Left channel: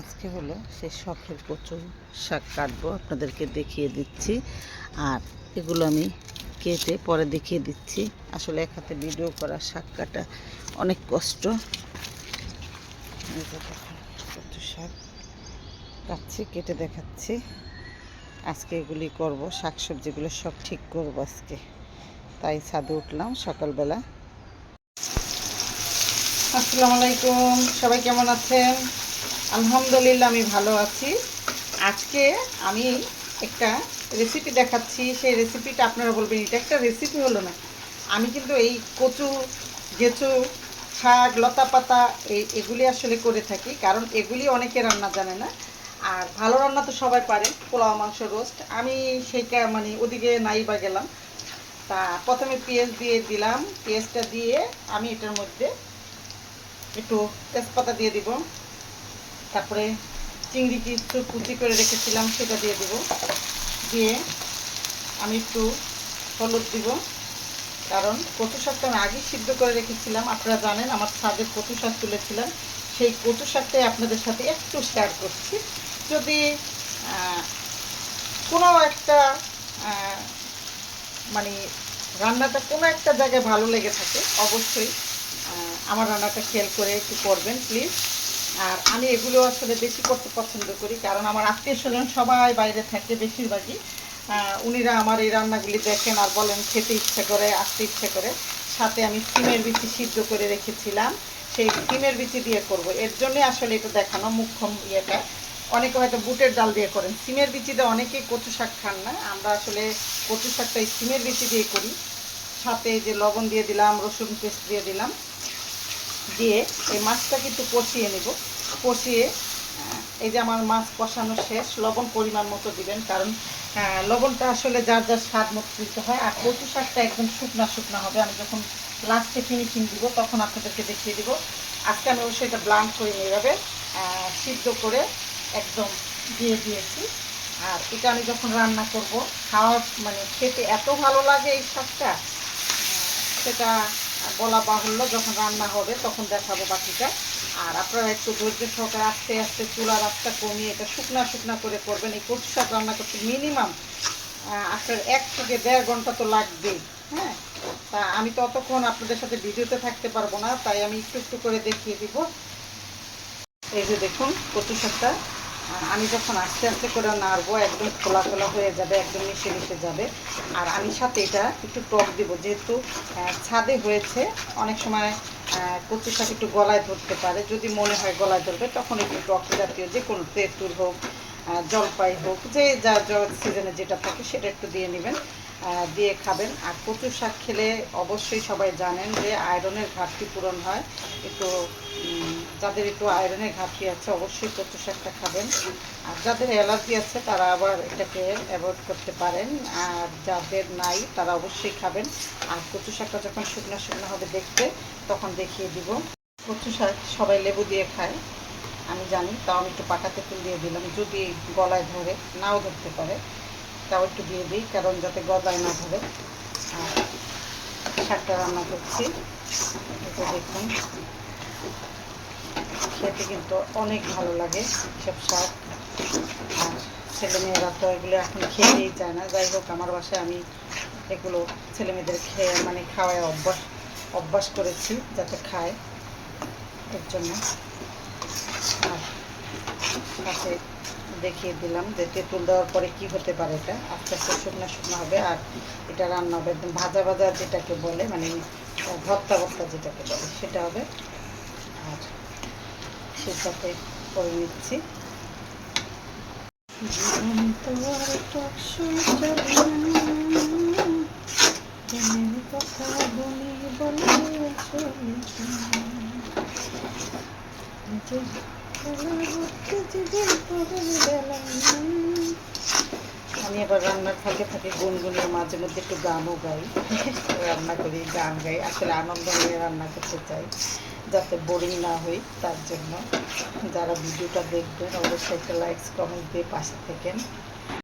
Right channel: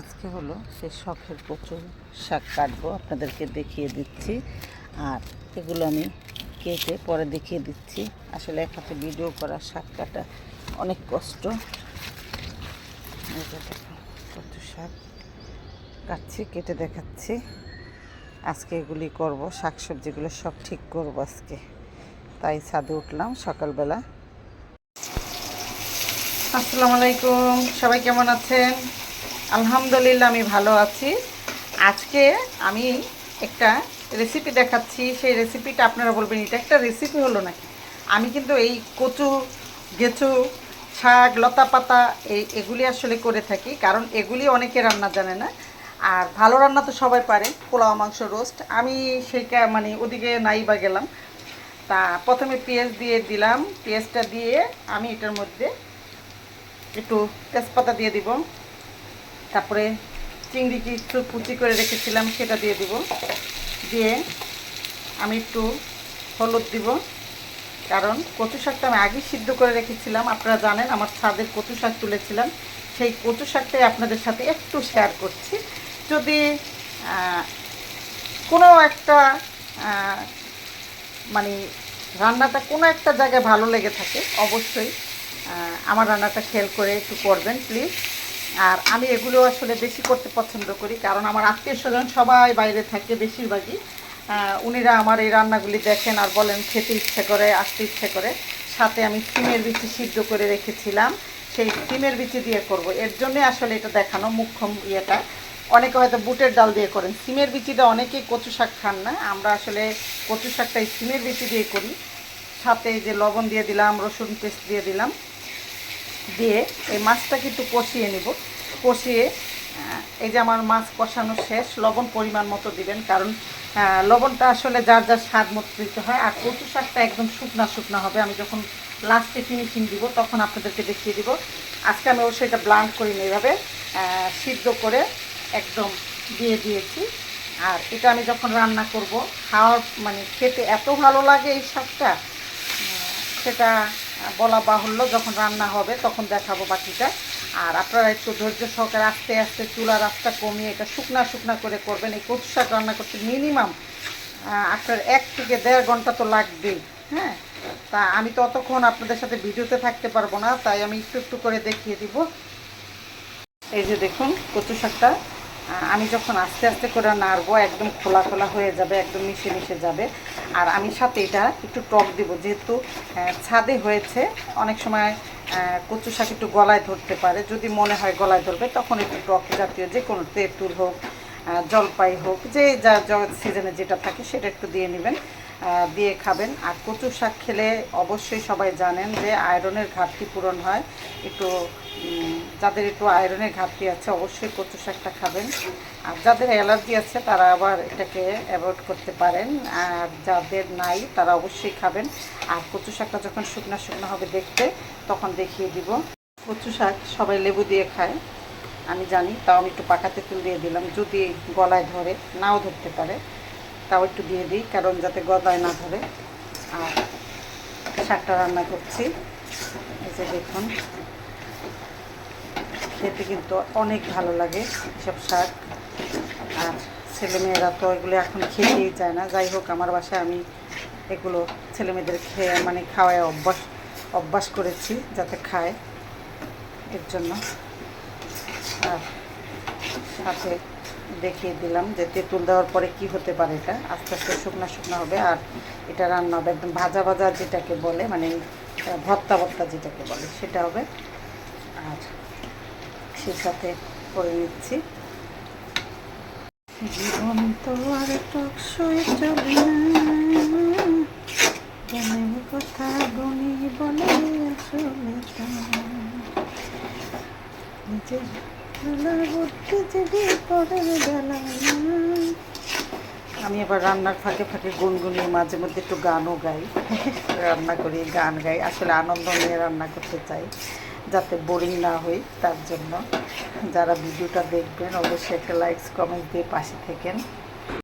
আজকে হলো সেই শখের কচু শাক কাটবো, আপনাদেরকে দেখিয়ে দিচ্ছি। আর এগুলো আমি কেটে পরে দেখিয়ে দিচ্ছি। আসলে এক হাতে ভিডিও করা শাক কাটা অনেক কষ্ট। কচু শাক কাটছি, কেটে দেখাচ্ছি। আজকে এগুলি করব শাক সবজিগুলো সব ঠিক করব আজকে। তাই ছাদে উঠলাম সকালবেলা। আসসালামু আলাইকুম, সবাই কেমন আছেন? আলহামদুলিল্লাহ, আমি ভালো আছি। আজকে আমি একটা রেসিপি দেখাচ্ছি। সেই রেসিপিটা আপনারা বলবেন, এটা একটা রেসিপি হলো নাকি? আমি কিন্তু এই কচু, গেচু, শাক লতা পাতা এই এগুলি আসলে করে থাকি, কারণ এগুলি অনেকে রান্না জানে না। আর ভালো রান্না তো সবাই পারে, পোলাও, মাংস, রোস্ট। আমি সেইটা মানে ওদিকে নাই বা গেলাম। তা প্রথমে পেঁয়াজ দিয়ে দিলাম। পেঁয়াজটা দিয়ে আমি এটার মধ্যে একটু তেজপাতা দিয়ে দিব। তারপরে চিংড়ি কিছু কুচি করে রেখেছিলাম, সেটা দিয়ে দিব। দিয়ে আমি একটু হলুদ দিব। কারণ কচু শাকটা আমি আগেই সিদ্ধ করে রেখেছিলাম। আপনারা জানেন, আমার ছাদের কচু শাক তুলেছিলাম। সেই কচু শাকটাই আপনাদের সাথে একটু শেয়ার করছি। যদি কোনো একটা মানে রান্নাটা কোনো একটা জায়গায় ভালো লেগে থাকে, অবশ্যই আমার রান্নাটা খেয়াল করে একটু করবেন প্লিজ আর আমি এগুলো আসলে বেশি করতে পছন্দ করি, কারণ আমার আত্মীয় স্বজন সবাই বাইরে থাকে বেশিরভাগই। উনিরা আমার এই রান্নাগুলি দেখেন আর বলেন খেতে ইচ্ছে করে, আসতে ইচ্ছে করে। সাথে আমি সিমের বিচি সিদ্ধ করে রেখেছিলাম, সেই সিমের বিচি দিয়ে করব। এর জন্যে আসলে এটা দেখানো মুখ্যম ইয়েটা। অনেকে হয়তো বুটের ডাল দিয়ে করেন। সিমের বিচিটা অনেকেই কচু শাক খান না। আমরা আসলে কচু শাকটা এই সিমের বিচি দিয়ে করি। সাথে যে লবণ দিয়ে দিলাম, রসুন পেস্ট দিয়ে দিলাম। দিয়ে এই মাছটাকে একটু কষিয়ে নেব। কষিয়ে এই যে আমার মাছ কষানো শেষ, লবণ পরিমাণ মতো দিবেন, কারণ লবণটা আসলে যার যার স্বাদ মতো দিতে হয়, আর কচু শাকটা একদম শুকনা শুকনা হবে। আমি যখন লাস্টে ফিনিশিং দিব, তখন আপনাদেরকে দেখিয়ে দিব। আজকে আমি অবশ্যই এটা ব্লান্ড করে যাবে সিদ্ধ করে একদম দিয়ে দিয়েছি। আর এটা আমি যখন রান্না করব, খাওয়ার মানে খেতে এত ভালো লাগে এই শাকটা সেটা বলা বাহুল্য যখন রান্না হবে, তখন দেখাবো বাকিটা আর আপনারা একটু ধৈর্য সহকারে আস্তে আস্তে চুলা রাস্তা কমিয়ে এটা শুকনা শুকনা করে করবেন। এই কচু শাক রান্না করতে মিনিমাম আপনার এক থেকে দেড় ঘণ্টা তো লাগবেই হ্যাঁ? তা আমি ততক্ষণ আপনাদের সাথে ভিডিওতে থাকতে পারব না, তাই আমি একটু একটু করে দেখিয়ে দিব। এই যে দেখুন কচু শাকটা। আমি যখন আস্তে আস্তে করে নাড়বো, একদম খোলা খোলা হয়ে যাবে, একদম মিশে মিশে যাবে। আর আমি সাথে এটা একটু টক দিব, যেহেতু ছাদে হয়েছে, অনেক সময় কচু শাক একটু গলায় ধরতে পারে। যদি মনে হয় গলায় ধরবে, তখন একটু টক জাতীয়, যে কোনো তেঁতুল হোক জলপাই হোক, যে যা সিজনে যেটা থাকে, সেটা একটু দিয়ে নেবেন দিয়ে খাবেন। আর কচু শাক খেলে অবশ্যই সবাই জানেন যে আয়রনের ঘাটতি পূরণ হয়, একটু যাদের একটু আয়রনের ঘাটতি আছে, অবশ্যই কচু শাকটা খাবেন। আর যাদের অ্যালার্জি আছে, তারা আবার এটাকে অ্যাভয়েড করতে পারেন। আর যাদের নাই, তারা অবশ্যই খাবেন। আর কচু শাকটা যখন শুকনো শুকনো হবে দেখতে, তখন দেখিয়ে দিব। কচু শাক সবাই লেবু দিয়ে খায়, আমি জানি, তাও আমি একটু পাকা তেঁতুল দিয়ে দিলাম, যদি গলায় ধরে, নাও ধরতে পারে, তাও একটু দিয়ে দিই, কারণ যাতে গলায় না ধরে। আর শাকটা রান্না করছি যে দেখুন। খেতে কিন্তু অনেক ভালো লাগে এসব শাক। আর ছেলেমেয়েরা তো এগুলো এখন খেতেই চায় না। যাই হোক, আমার বাসায় আমি এগুলো ছেলেমেয়েদের খেয়ে মানে খাওয়ায় অভ্যাস অভ্যাস করেছি যাতে খায় এর জন্য। আর সাথে দেখিয়ে দিলাম যে তেঁতুল দেওয়ার পরে কি হতে পারে এটা। আস্তে আস্তে শুকনো শুকনো হবে। আর এটা রান্না হবে একদম ভাজা ভাজা যেটাকে বলে মানে ভর্তা ভর্তা যেটাকে বলে, সেটা হবে। আর সে সাথে করে নিচ্ছি জীবন তো আর টকসই চলে না। কথা বলি বলে যদি পরের বেলা। আমি আবার রান্নার ফাঁকে ফাঁকে গুনগুনিয়ে মাঝে মধ্যে একটু গানও গাই। রান্না করি গান গাই। আসলে আনন্দ নিয়ে রান্না করতে চাই। যাতে বোরিং না হই, তার জন্য যারা ভিডিওটা দেখবেন, অবশ্যই একটা লাইকস কমেন্ট দিয়ে পাশে থেকেন।